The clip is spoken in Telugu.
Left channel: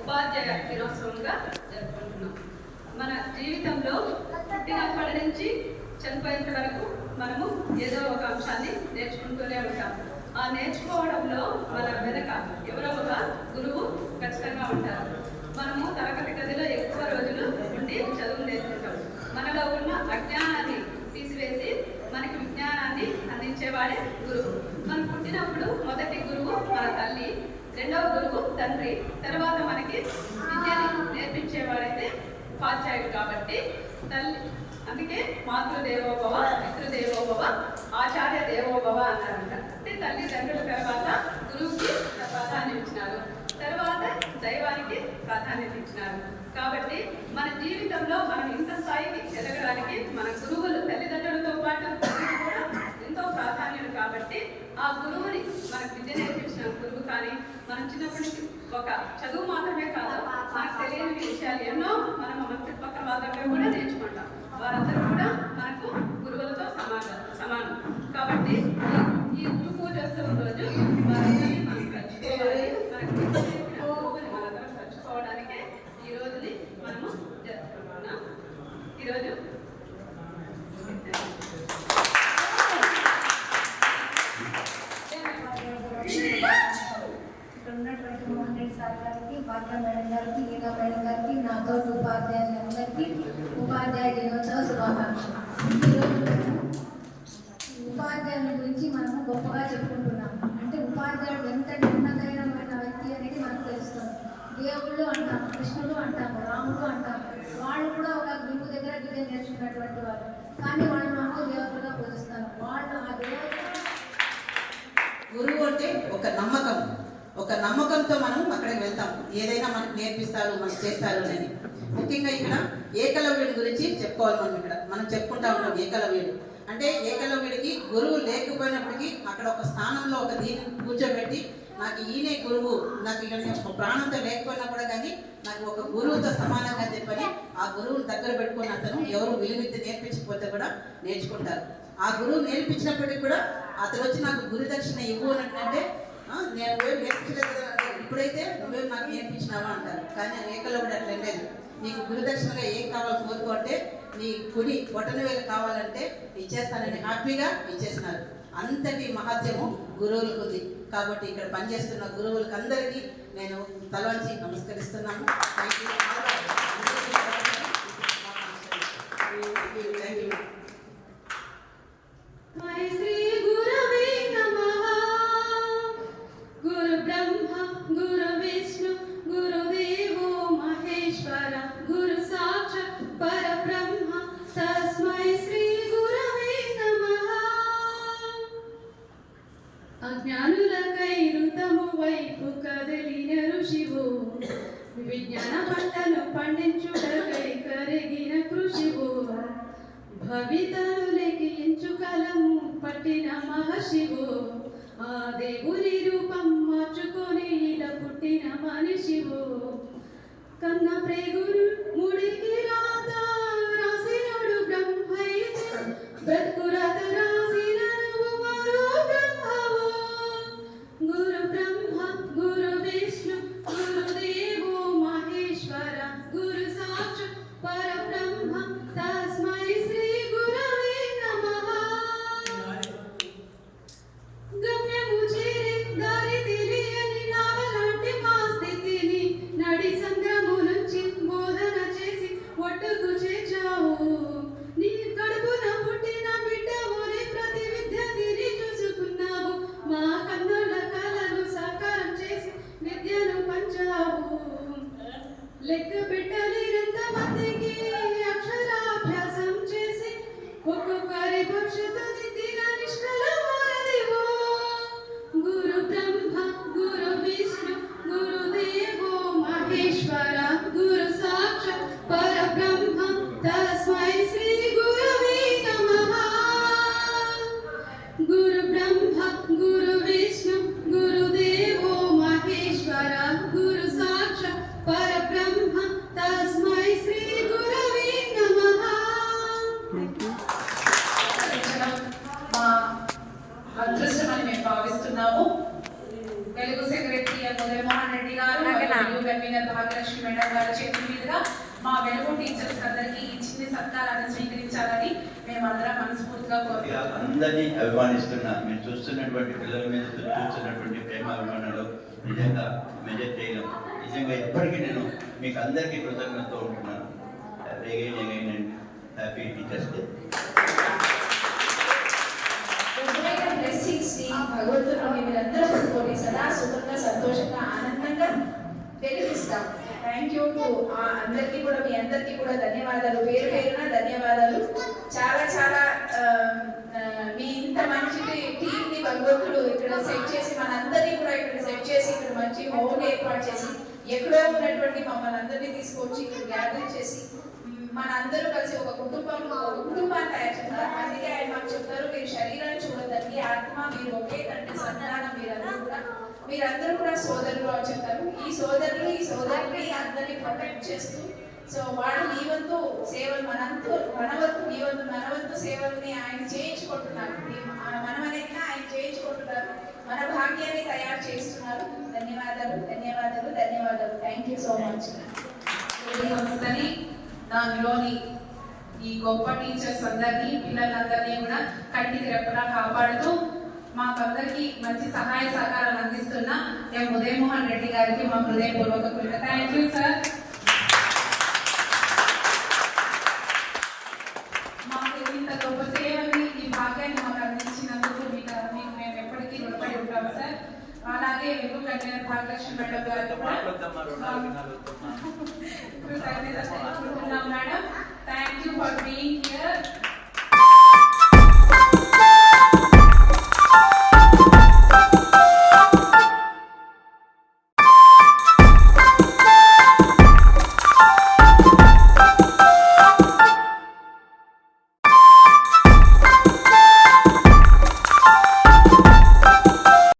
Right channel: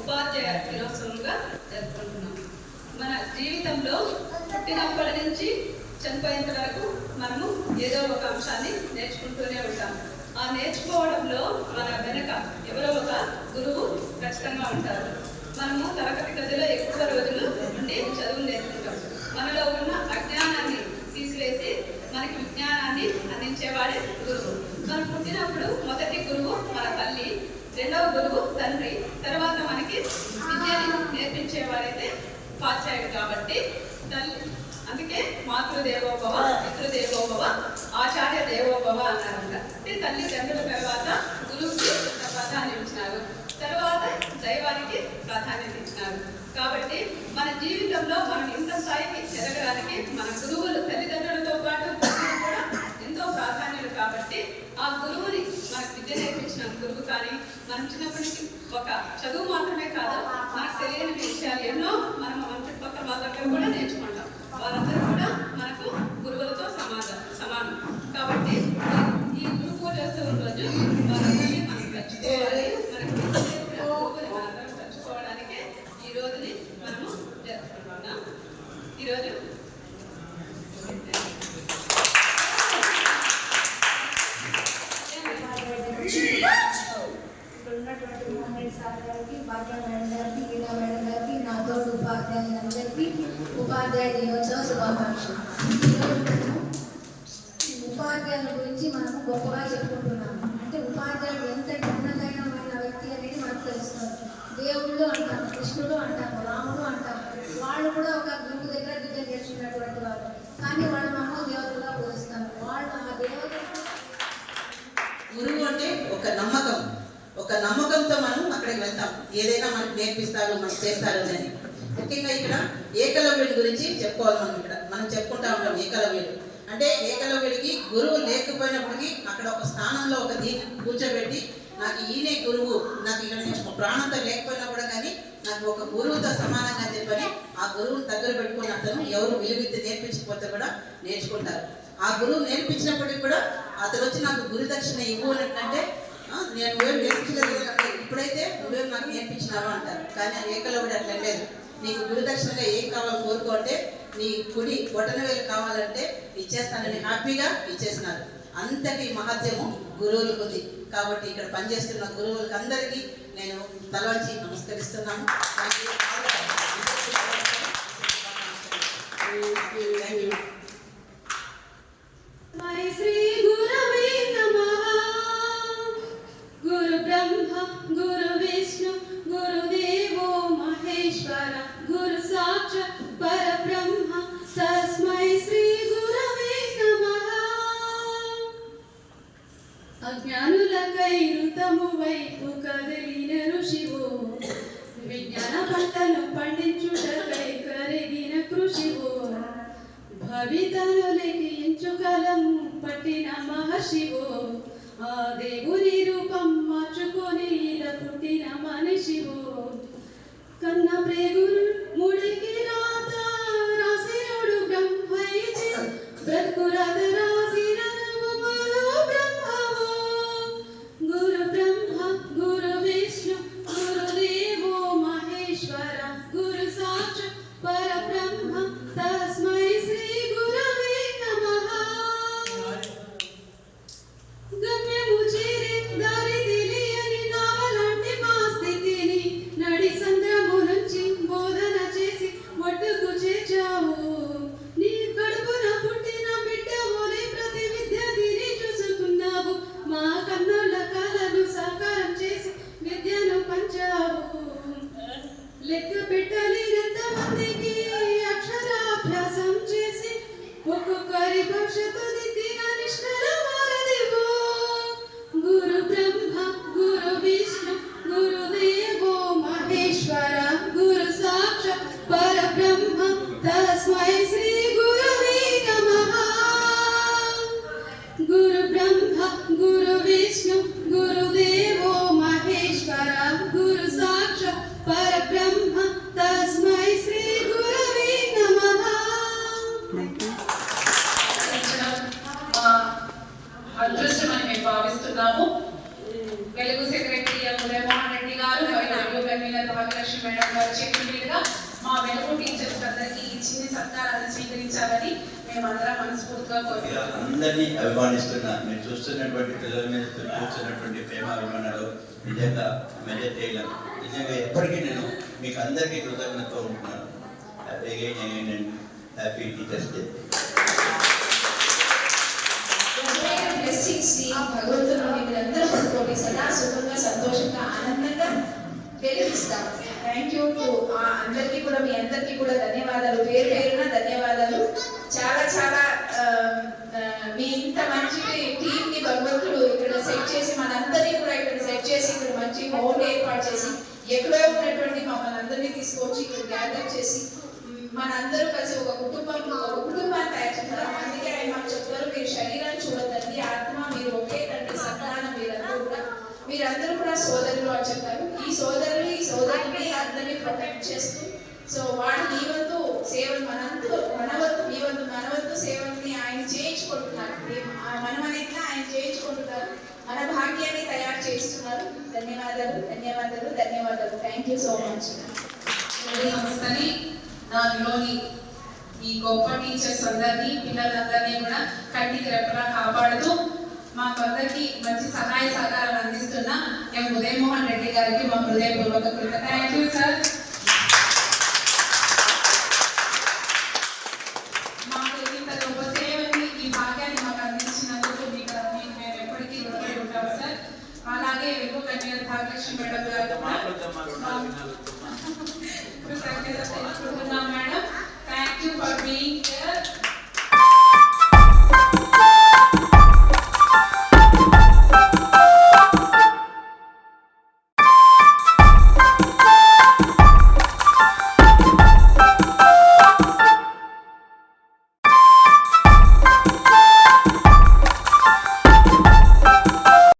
ఉపాధ్యాయ దినోత్సవంగా జరుపుకుంటున్నాం. మన జీవితంలో పుట్టినప్పటి నుంచి చనిపోయేంత వరకు మనము ఏదో ఒక అంశాన్ని నేర్చుకుంటూనే ఉంటాం. ఆ నేర్చుకోవడంలో మన వెనక ఎవరో ఒక గురువు ఖచ్చితంగా ఉంటారు. మనము తరగతి గదిలో ఎక్కువ రోజులు ఉండి చదువు నేర్చుకుంటాం. మనలో ఉన్న అజ్ఞానాన్ని తీసివేసి మనకి విజ్ఞానాన్ని అందించేవాడే గురువు. మనం పుట్టినప్పుడు మొదటి గురువు మన తల్లి, రెండవ గురువు తండ్రి, తర్వాత మనకి విద్యని నేర్పించేవాడైతే ఉపాధ్యాయుడు. కాబట్టి తల్లి, అందుకే మాతృదేవోభవ, పితృదేవోభవ, ఆచార్య దేవోభవ అన్నారంట. అంటే తల్లిదండ్రుల తర్వాత గురువుకి ప్రాధాన్యం ఇచ్చినారు, తర్వాత దైవానికి ప్రాధాన్యత ఇచ్చినారు. కాబట్టి మన జీవితంలో మనం ఇంత స్థాయికి ఎదగడానికి మన గురువులు, తల్లిదండ్రులతో పాటు గురువులు కూడా ఎంతో ప్రాధాన్యులు. కాబట్టి ఆ గురువుని మనకు విద్య నేర్పించిన గురువు కానీ, మనం చిన్నప్పటి నుంచి ఒక చదువు మాత్రమే కాదు, మనకు తెలియని విషయాలు ఎన్నో మనం మన చుట్టుపక్కల వాళ్ళ దగ్గర కూడా నేర్చుకుంటాం. వారందరూ కూడా మనకు గురువులతో సమానం. కాబట్టి ఈ గురు పూజోత్సవం రోజు వారందరినీ మనం తెచ్చుకోవాలి. మనకు గురువుని మనందరం తెచ్చుకోవడానికే ఈ రోజుని మనము జరుపుకుంటున్నాం. ఈరోజు ఇక్కడ ఉన్నటువంటి మోహన్ రెడ్డి సార్ గారికి, భాగ్య మేడం గారికి, గీతా మేడం గారికి, నాతో ఉపాధ్యాయులందరికీ ఉపాధ్యాయ దినోత్సవ శుభాకాంక్షలు. ఈరోజు ఉపాధ్యాయుల గురించి మనం గొప్పగా చెప్పుకుంటున్నాము. అంటే ఉపాధ్యాయుడు ఎంత ఉన్నతమైన వ్యక్తి అనేది మనకు తెలుస్తుంది. దేవుళ్ళు అంటాం, కృష్ణుడు అంటాం, రాముడు అంటాం. వాళ్ళు కూడా ఒక గురువు దగ్గర విద్య నేర్చుకున్నటువంటి వారు. కానీ వాళ్ళు మహోదేవతలుగా పూజిస్తారు. వాళ్ళు ఆ దేవతలు. గురువు అంటే ఒక నమ్మకం, ఒక నమ్మకంతో మనం అక్కడికి వెళ్తాం. ఏదైనా మనకు నేర్పిస్తారు, మనకు చేస్తారు అని. ముఖ్యంగా ఇక్కడ ఏకలవ్యుడి గురించి చెప్పుకోవాలి. మనం చెప్పుకుంటా ఉంటాం ఏకలవ్యుడు అంటే. ఏకలవ్యుడికి గురువు లేకపోయినప్పటికీ అక్కడ ఒక స్థానంలో ఒక దీన్ని కూర్చోబెట్టి, నాకు ఈయనే గురువు, నాకు ఇక్కడ నేను ప్రాణంతో లేకపోయినా కూడా కానీ నాకు ఒక గురువుతో సమానంగా చెప్పని ఆ గురువుని దగ్గర పెట్టుకుని అతను ఎవరు విలువిద్య నేర్పించకపోతే కూడా నేర్చుకుంటారు. ఆ గురువు నేర్పించినప్పటికీ కూడా అతను వచ్చి నాకు గురు దక్షిణ ఇవ్వు అంటే, నేను నువ్వేం నేర్పించలేదు కదా, ఇప్పుడైతే నువ్వేం నాకు నేర్పించినావా అంటారు. కానీ ఆ ఏకలవ్యుడు అట్లా లేదు. నీకు గురుదక్షిణగా ఏం కావాలో కోరుకో అంటే, నీ కుడి బొటనవేలు కావాలంటే ఇచ్చేస్తానని హ్యాపీగా ఇచ్చేసినారు. అంతటి మహత్యము గురువులకు ఉంది. కాబట్టి ఇక్కడ పనిచేస్తున్న గురువులకు అందరికీ నేను తలవంచి నమస్కరిస్తున్నాను. అజ్ఞానులకై ఋతము వైపు కదిలిన ఋషివో, విజ్ఞాన పంటను పండించుటకై కరిగిన కృషివో, భవితను లెక్కించుకలము పట్టిన మహర్షివో, ఆ దేవుని రూపం మార్చుకొని ఇలా పుట్టిన మనిషివో, కన్న ప్రేగులు ముడికి రాత రాసినోడు బ్రహ్మైతే, బ్రతుకు రాత రాసిన మరో బ్రహ్మవో, గురు బ్రహ్మ గురు విష్ణు గురుదేవో మహేశ్వర, గురు సాక్షాత్ పరబ్రహ్మ తస్మై శ్రీ గురవే నమః. హరిభక్షతు నిత్య నిష్కల వారదివో గురు బ్రహ్మ గురు విష్ణు గురుదేవో మహేశ్వర గురు సాక్షాత్ పరబ్రహ్మ తస్మై శ్రీ గురవే నమః గురు బ్రహ్మ గురు విష్ణు గురుదేవో మహేశ్వర గురు సాక్షాత్ పరబ్రహ్మ తస్మై శ్రీ గురవే నమః. మా అదృష్టమని మేము భావిస్తున్నాము. వెలుగు సెక్రటరీ ఉదయమోహన్ రెడ్డి గారు మరియు కన్వీనర్ భాగ్యలక్ష్మి మేడం గారు చేతుల మీదుగా మా వెలుగు టీచర్స్ అందరికీ ఈ చిన్న సత్కారాన్ని స్వీకరించాలని మేమందరం మనస్ఫూర్తిగా కోరుతున్నాం. అందరినీ అభిమానిస్తున్నా మీరు చూస్తున్నటువంటి పిల్లల మీద చూస్తున్నటువంటి ప్రేమ అభిమానాలు నిజంగా మెజర్ చేయలేం. నిజంగా ఎప్పటికీ నేను మీకు అందరికీ కృతజ్ఞతతో ఉంటున్నాను. Happy teachers day. బ్లెస్సింగ్స్ ని భగవంతుడు మీరందరూ పడుకోండి, సదా సుఖంగా సంతోషంగా ఆనందంగా వెలిగిస్తాం. థ్యాంక్ యూ టు అందరికీ కూడా, మీ అందరికీ కూడా ధన్యవాదాలు, పేరు పేరున ధన్యవాదాలు. చాలా చాలా మీ ఇంత మంచి టీం ని భగవంతుడు ఇక్కడ సెట్ చేసి మనందరినీ కూడా ఇక్కడ సెట్ చేసి ఇక్కడ మంచి హోమ్ ఏర్పాటు చేసి ఎక్కడో ఉన్నటువంటి మమ్మల్ని అందరినీ తీసుకొచ్చి ఇక్కడ గ్యాదర్ చేసి మనందరూ కలిసి ఒక కుటుంబాన్ని తయారు చేస్తారు. అందుకే ఆయన మాకు చెప్తారు, మీరు శరీరాన్ని చూడద్దండి, ఆత్మ మీరు ఒకే తండ్రి సంతానం, మీరందరూ కూడా సోదరులు అని చెప్తారు. ఈ సోదరుని అందరినీ ప్రొటెక్ట్ చేస్తూ, సో వాడు నీ వంతు సేవలు మన వంతు సేవల్ని ఆయన చేయించుకుంటున్నారు. మనం అనేది ఆయన చేయించుకుంటున్నారు, మన భాగ్యాన్ని తయారు చేస్తున్నారు. ధన్యవాదాలు ధన్యవాదాలు ధన్యవాదాలు. Thank you so much. సంస్థని దానిలోని ఈ గొప్ప టీచర్స్ అందరినీ పిల్లలందరినీ కూడా కంటికి రెప్పలా కాపాడుతూ మాకందరికీ మంచి సహాయ సహకారాలు అందిస్తున్న మేము ఉదయమోహన్ రెడ్డి గారికి మా హృదయపూర్వక కృతజ్ఞతలు. Thank you sir. మాకు ఇంత గొప్ప సేవని ఈ భాగ్యాన్ని మాకు అందించినందుకు మీకు మేము ఎప్పటికీ రుణపడి ఉంటాము సార్. అలాగే వెలుగు కన్వీనర్ భాగ్యలక్ష్మి మేడం గారు madam, thank you for being here.